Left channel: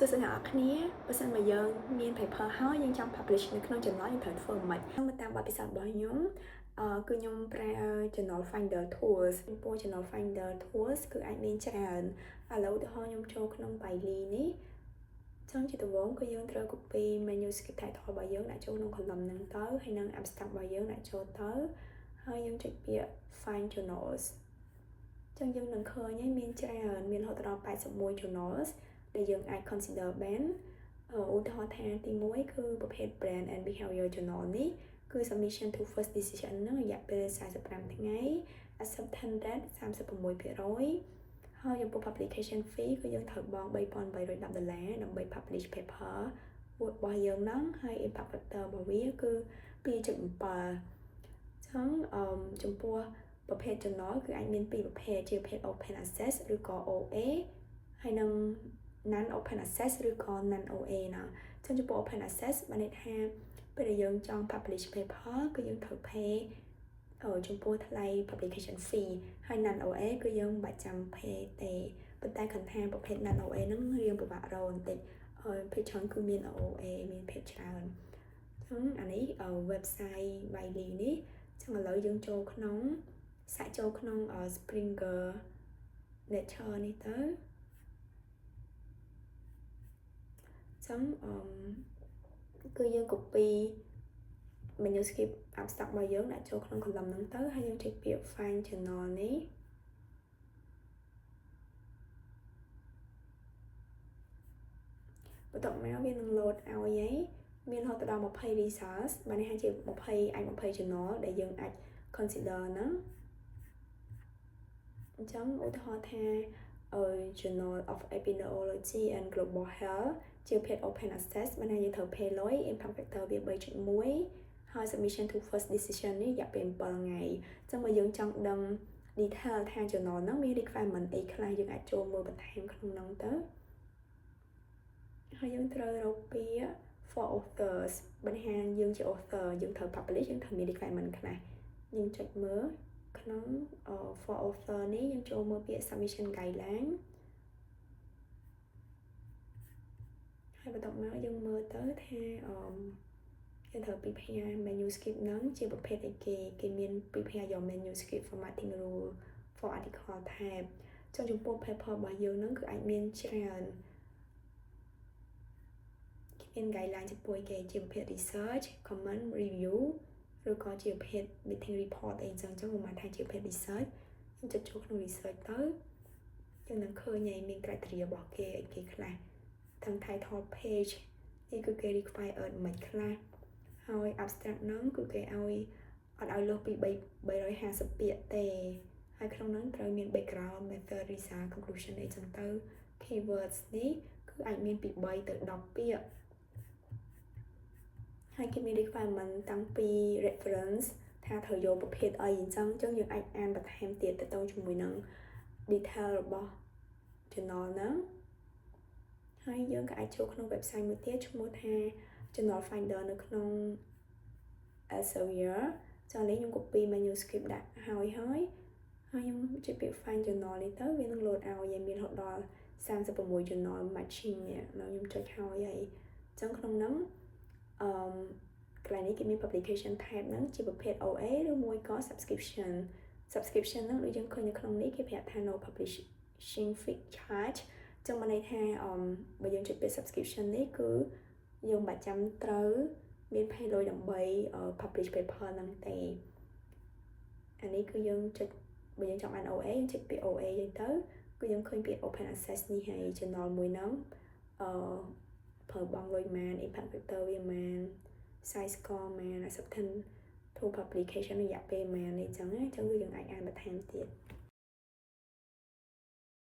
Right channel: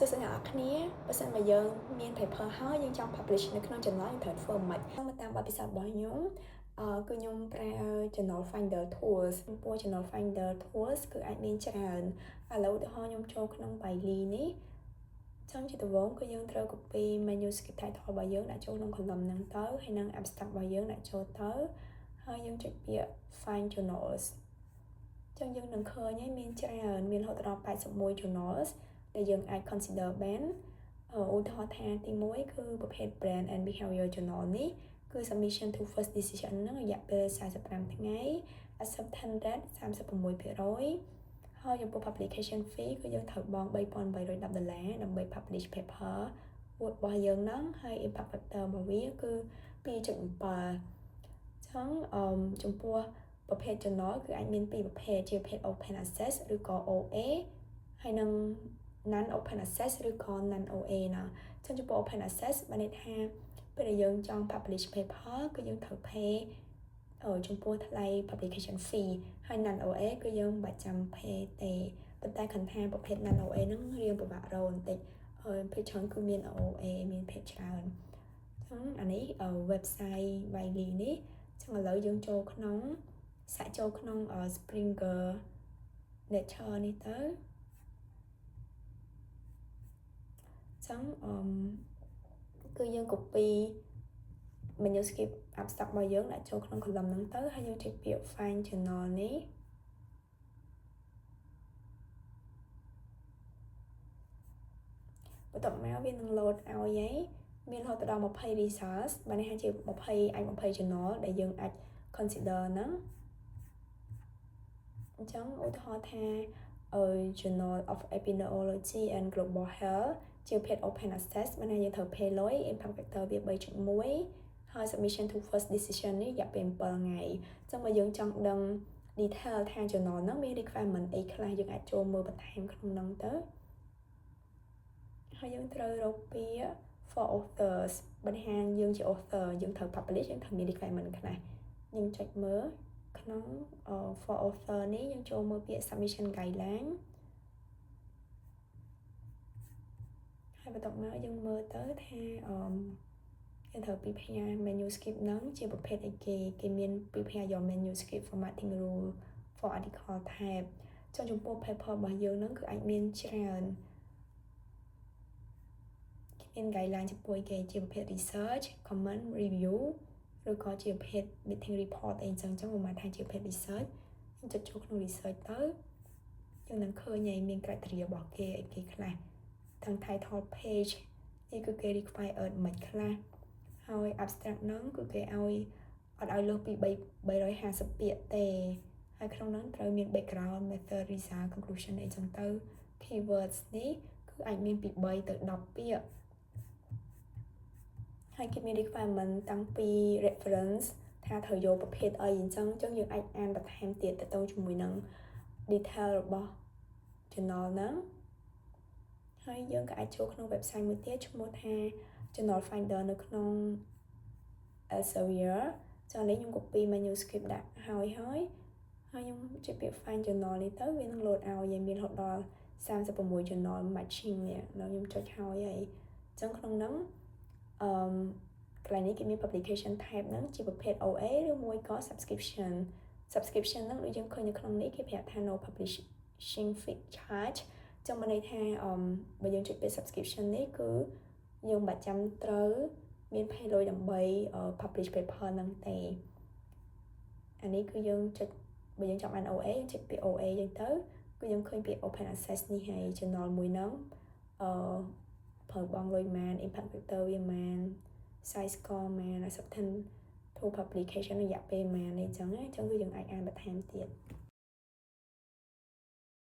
សួស្តីអ្នកនរគ្នាបើសិនមកយើងមាន paper ហើយយើងចង់ publish នៅក្នុង journal យើងត្រូវធ្វើមិនខ្មិចមកតាមបទពិសោធន៍របស់ខ្ញុំគឺខ្ញុំប្រើ journal finder tools ចំពោះ journal finder tools គឺអាចមានច្រើនឥឡូវឧទាហរណ៍ខ្ញុំចូលក្នុង Bailey នេះចង់ជាដំបូងគឺយើងត្រូវ copy manuscript title របស់យើងដាក់ចូលក្នុង column ហ្នឹងទៅហើយនឹង abstract របស់យើងដាក់ចូលទៅហើយយើងចុចពាក្យ find journals ចឹងយើងនឹងឃើញហើយមានច្រើនមានរហូតដល់81 journals ដែលយើងអាច consider បានឧទាហរណ៍ថាទី1គឺប្រភេទ brand and behavior journal នេះគឺ submission to first decision ហ្នឹងរយៈពេល45ថ្ងៃ acceptance rate 36% ហើយចំពោះ publication fee គឺយើងត្រូវបង់$3,810ដើម្បី publish paper របស់យើងហ្នឹងហើយ impact factor របស់វាគឺ2.7 ចឹងចំពោះប្រភេទ journal គឺអាចមានពីរប្រភេទជាប្រភេទ open access ឬក៏ OA ហើយនឹង non open access ឬក៏ non OA ណាចឹងចំពោះ open access បានន័យថាពេលដែលយើងចង់ publish paper គឺយើងត្រូវ pay ចំពោះថ្លៃ publication fee ហើយ non OA គឺយើងមិនបាច់ចាំ pay ទេប៉ុន្តែគ្រាន់ថាប្រភេទ non OA ហ្នឹងរៀងពិបាករកបន្តិចភាគច្រើនគឺមាន OA មានភាគច្រើនចឹងអានេះ website Wiley នេះចឹងឥឡូវយើងចូលក្នុងសាកចូលក្នុង Springer Nature នេះទៅចឹងគឺយើង copy manuscript abstract របស់យើងដាក់ចូលក្នុង column ហ្នឹងទៅហើយយើងចុចពាក្យ find journal នេះបន្ទាប់មកវានឹង load ឲ្យហើយមានរហូតដល់20 results បានន័យថាជា20អាច20 journal ដែលយើងអាច consider ហ្នឹងអញ្ចឹងឧទាហរណ៍ថា Journal of Epidemiology and Global Health ជាប្រភេទ open access បានថាយើងត្រូវ pay លុយ impact factor វា 3.1 ហើយ submission to first decision នេះរយៈពេល7ថ្ងៃអញ្ចឹងបើយើងចង់ដឹង detail ថា journal ហ្នឹងមាន requirement អីខ្លះយើងអាចចូលមើលបន្ថែមក្នុងហ្នឹងទៅហើយយើងត្រូវរកពាក្យ for authors បញ្ហាយើងជា author យើងត្រូវ publish យើងត្រូវមាន requirement ខ្លះយើងចុចមើលក្នុង for author នេះយើងចូលមើលពាក្យ submission guideline ហើយបន្ទាប់មកយើងមើលទៅថាយើងត្រូវ prepare manuscript ហ្នឹងជាប្រភេទអីគេមាន prepare your manuscript formatting rule for article type ចំពោះ paper របស់យើងហ្នឹងគឺអាចមានច្រើនមាន guideline ចំពោះគេជាប្រភេទ research comment review ឬក៏ជាប្រភេទ meeting report អីចឹងប្រហែលថាជាប្រភេទ research យើងចុចចូលក្នុង research ទៅយើងនឹងឃើញហើយមាន criteria របស់គេអីគេខ្លះទាំង title page នេះគឺគេ require មិនខ្លះហើយ abstract ហ្នឹងគឺគេឲ្យអត់ឲ្យលើសពី350ពាក្យទេហើយក្នុងហ្នឹងត្រូវមាន background method result conclusion អីចឹងទៅ keywords នេះគឺអាចមានពី3ទៅ10ពាក្យហើយគេមាន requirement តាំងពី reference ថាត្រូវយកប្រភេទអីអញ្ចឹងយើងអាចអានបន្ថែមទៀតទៅជាមួយនឹង detail របស់ journal ហ្នឹងហើយយើងក៏អាចចូលក្នុង website មួយទៀតឈ្មោះថា journal finder នៅក្នុង Elsevier ចឹងនេះខ្ញុំ copy manuscript ដាក់ហើយខ្ញុំចុចពាក្យ find journal នេះទៅវានឹង load ឲ្យមានរហូតដល់36 journal matching នេះដល់ខ្ញុំចុចហើយចឹងក្នុងហ្នឹងកន្លែងនេះគេមាន publication type ហ្នឹងជាប្រភេទ OA ឬមួយក៏ subscription ហ្នឹងដូចយើងឃើញនៅក្នុងនេះគេប្រាប់ថា no publishing fee charge ចឹងមានន័យថាបើយើងចុចពាក្យ subscription នេះគឺយើងមិនបាច់ចាំត្រូវមាន pay លុយដើម្បី publish paper ហ្នឹងទេអានេះគឺយើងចុចបើយើងចង់អាន OA យើងចុចពាក្យ OA យើងទៅគឺយើងឃើញពាក្យ open access នេះហើយ journal មួយហ្នឹងប្រើបង់លុយម៉ាន impact factor វាម៉ាន size score ម៉ាន acceptance to publication រយៈពេលម៉ាននេះចឹងគឺយើងអាចអានបន្ថែមទៀត